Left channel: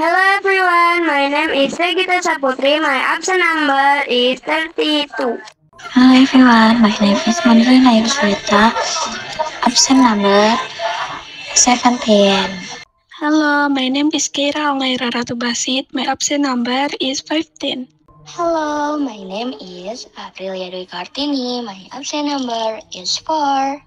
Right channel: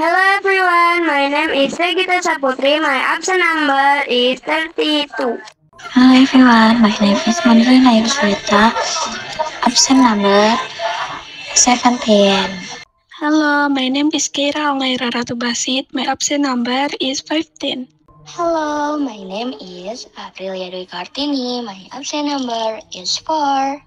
Hello everyone, my name is Regita Saputri. My absent number is 32. Hello everyone, my name is Mandrina Yuswita. Absent number 17. Hello, my name is Keira Ongaira Ratu Basit. My absent number is 15. Hello, my name is Aprilia Dwi Kartini. My absent number is 4.